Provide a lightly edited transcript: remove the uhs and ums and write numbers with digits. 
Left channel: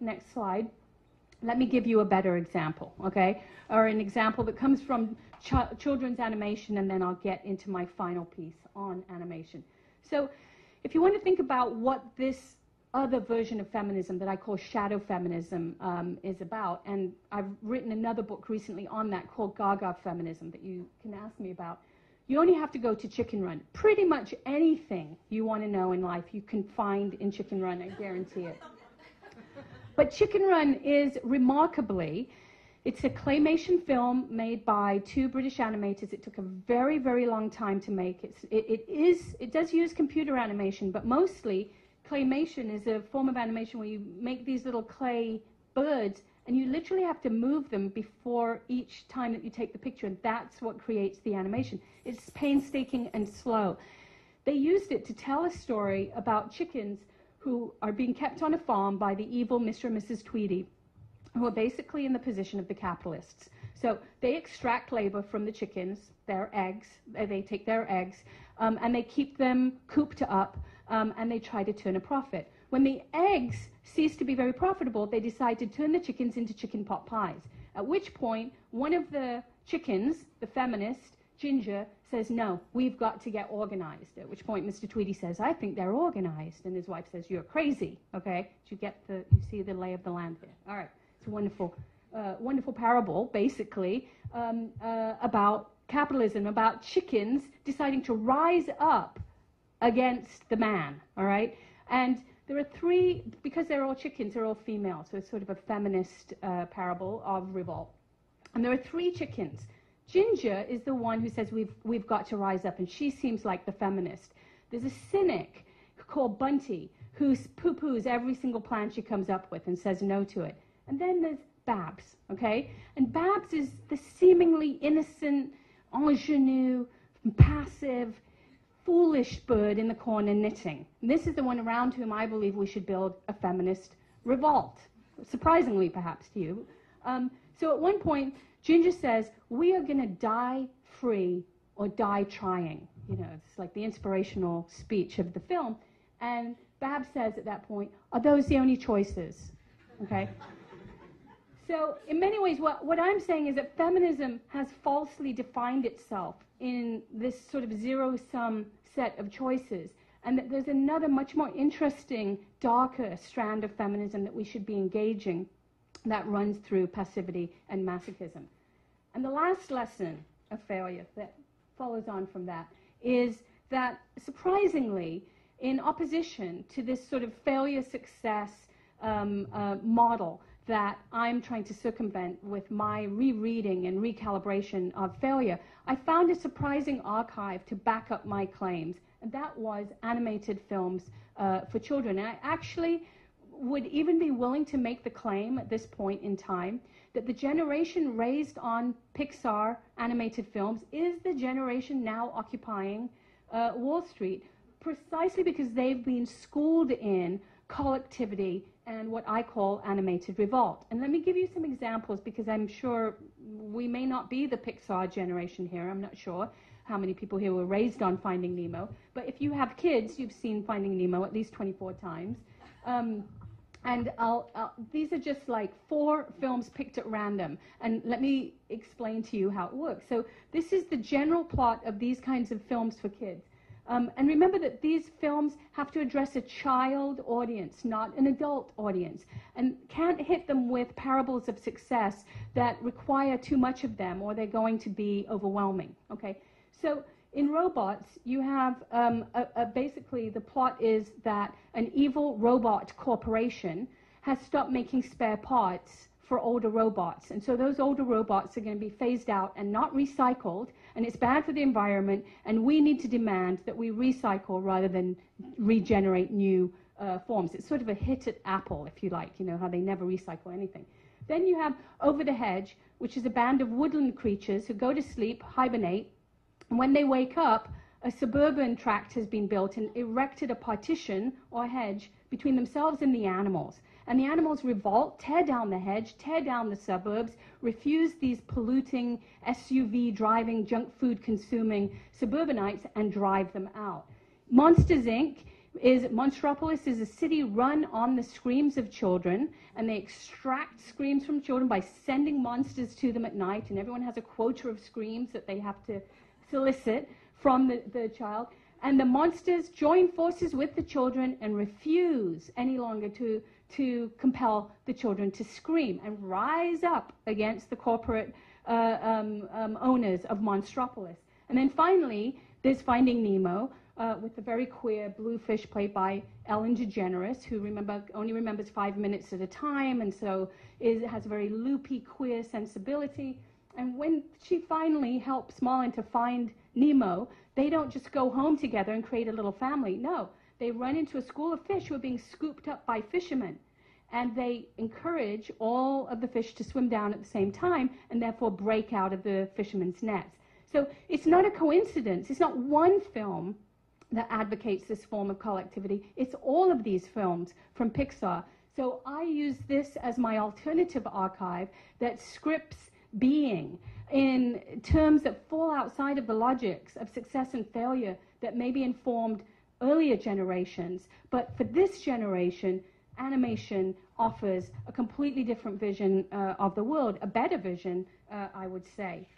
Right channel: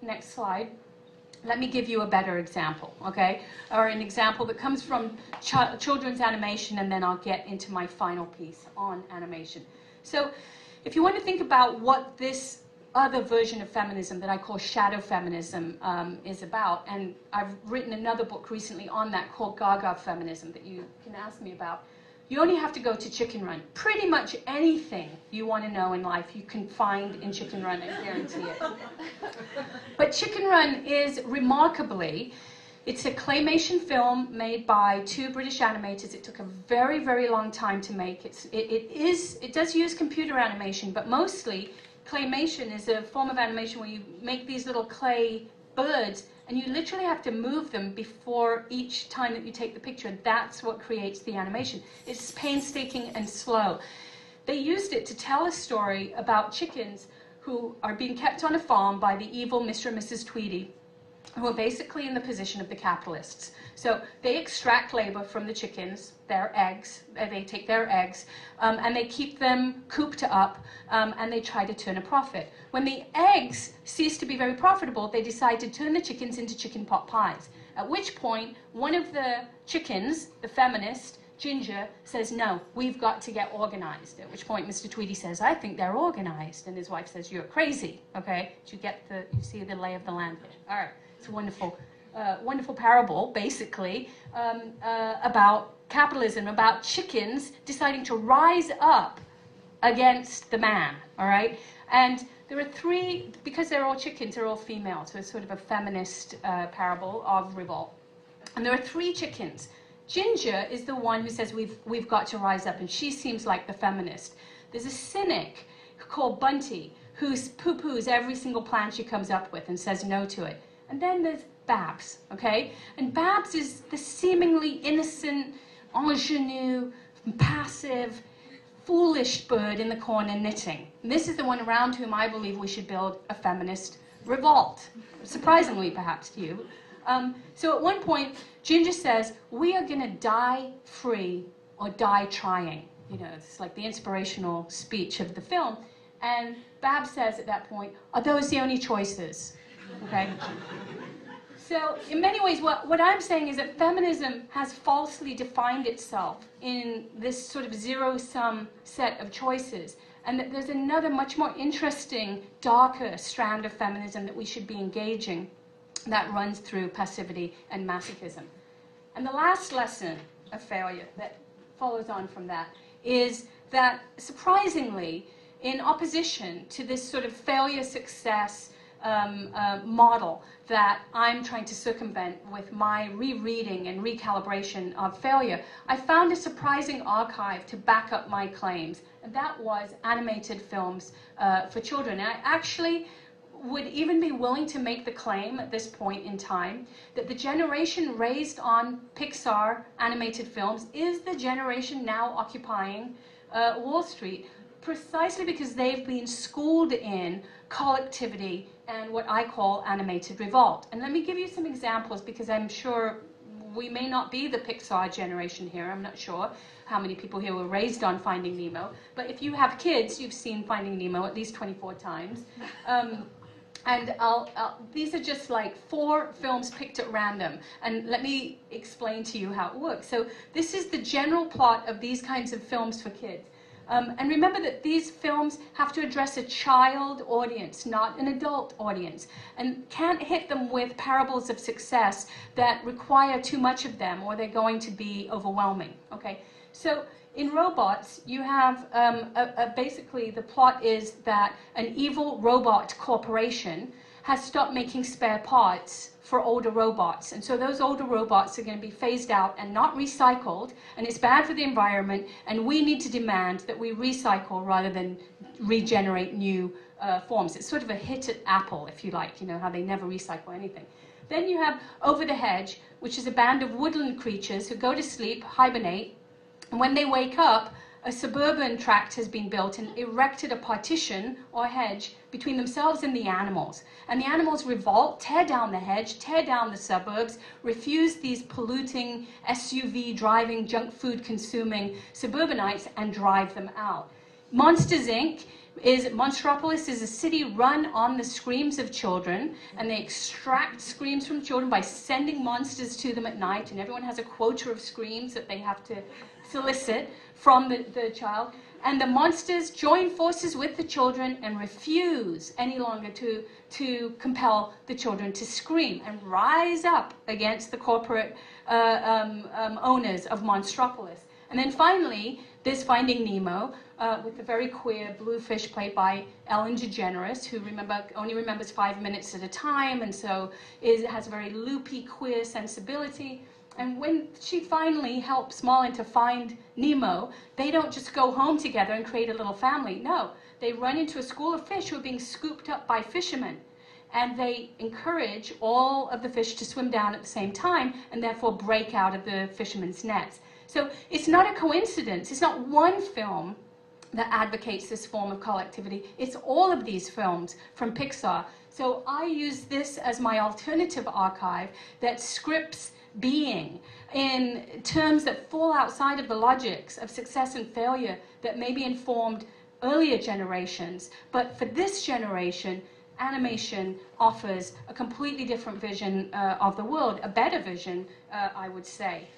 Next slide. Let me give you a better example, okay? Or an example that comes from children's animation, and then I'll get into my final piece on animation. So if you want to think about what this other version of feminism that I call shadow feminism is about, and I've written another book recently on that called Gaga Feminism that you can ask me about. You only have to go to Chicken Run. Pretty much anything you want to know in life you can find in Chicken Run, I guarantee it. But Chicken Run is remarkably, it's a claymation film made by 2 British animators. It took a very, very long time to make. It does use computer animation, but mostly claymation is a form of animation where you make these little clay birds, and you literally have to move them before each time that you take the picture. That's what creates the animation. It's painstaking and slow. They used it to tell a story about chickens who are being kept on a farm by the evil Mr. and Mrs. Tweedy, who are basically in the position of the capitalists. So they extract labor from the chickens, their eggs, they take their eggs, and they keep them cooped up, and they try to turn a profit. When the eggs cease to be very profitable, they decide to turn the chickens into chicken pot pies, at which point one of the chickens, the feminist, Ginger, says, no, we've got to get organized, at which point Mr. Tweedy says, I think they're organized, and his wife says, you're crazy, okay? You see the lay of the land here. All right, it's a wonderful, wonderful parable, basically, about capitalism, about chickens deciding to rise up against the man, all right? And there are 3, because they're all chickens, they're all female, so it's sort of a feminist parable of revolt. And there are 3 chickens. Ginger is the one who says we've got to rise up, and she seems like the feminist. There's a cynic called Bunty who poo-poos every single plan she comes up with and says no to it. And then there's Babs, okay? And Babs is the seemingly innocent, ingenue, passive, foolish bird in the corner knitting. And this is the one around whom I believe we should build a feminist revolt, surprisingly perhaps to you. So at one point, Ginger says, we are going to die free or die trying. You know, it's like the inspirational speech of the film. And Babs says at that point, are those the only choices? Okay? So in many ways, what I'm saying is that feminism has falsely defined itself in this sort of zero-sum set of choices, and that there's another much more interesting, darker strand of feminism that we should be engaging that runs through passivity and masochism. And the last lesson of failure that follows on from that is that, surprisingly, in opposition to this sort of failure-success model that I'm trying to circumvent with my rereading and recalibration of failure, I found a surprising archive to back up my claims, and that was animated films for children. And I actually would even be willing to make the claim at this point in time that the generation raised on Pixar animated films is the generation now occupying Wall Street, precisely because they've been schooled in collectivity and what I call animated revolt. And let me give you some examples, because I'm sure we may not be the Pixar generation here. I'm not sure how many people here were raised on Finding Nemo, but if you have kids, you've seen Finding Nemo at least 24 times. And these are just like 4 films picked at random. And let me explain to you how it works. So this is the general plot of these kinds of films for kids. And remember that these films have to address a child audience, not an adult audience, and can't hit them with parables of success that require too much of them, or they're going to be overwhelming. Okay? So in Robots, you have basically the plot is that an evil robot corporation has stopped making spare parts for older robots. And so those older robots are going to be phased out and not recycled, and it's bad for the environment, and we need to demand that we recycle rather than regenerate new forms. It's sort of a hit at Apple, if you like, you know, how they never recycle anything. Then you have Over the Hedge, which is a band of woodland creatures who go to sleep, hibernate, and when they wake up, a suburban tract has been built and erected a partition or hedge between themselves and the animals. And the animals revolt, tear down the hedge, tear down the suburbs, refuse these polluting, SUV-driving, junk food-consuming suburbanites, and drive them out. Monsters, Inc. is Monstropolis is a city run on the screams of children, and they extract screams from children by sending monsters to them at night, and everyone has a quota of screams that they have to solicit from the child. And the monsters join forces with the children and refuse any longer to compel the children to scream and rise up against the corporate owners of Monstropolis. And then finally, there's Finding Nemo, with the very queer blue fish played by Ellen DeGeneres, who only remembers 5 minutes at a time, and so has a very loopy, queer sensibility. And when she finally helps Marlin to find Nemo, they don't just go home together and create a little family. No, they run into a school of fish who are being scooped up by fishermen. And they encourage all of the fish to swim down at the same time and therefore break out of the fishermen's nets. So it's not a coincidence. It's not one film that advocates this form of collectivity. It's all of these films from Pixar. So I use this as my alternative archive that scripts being in terms that fall outside of the logics of success and failure that maybe informed earlier generations. But for this generation, animation offers a completely different vision of the world, a better vision, I would say.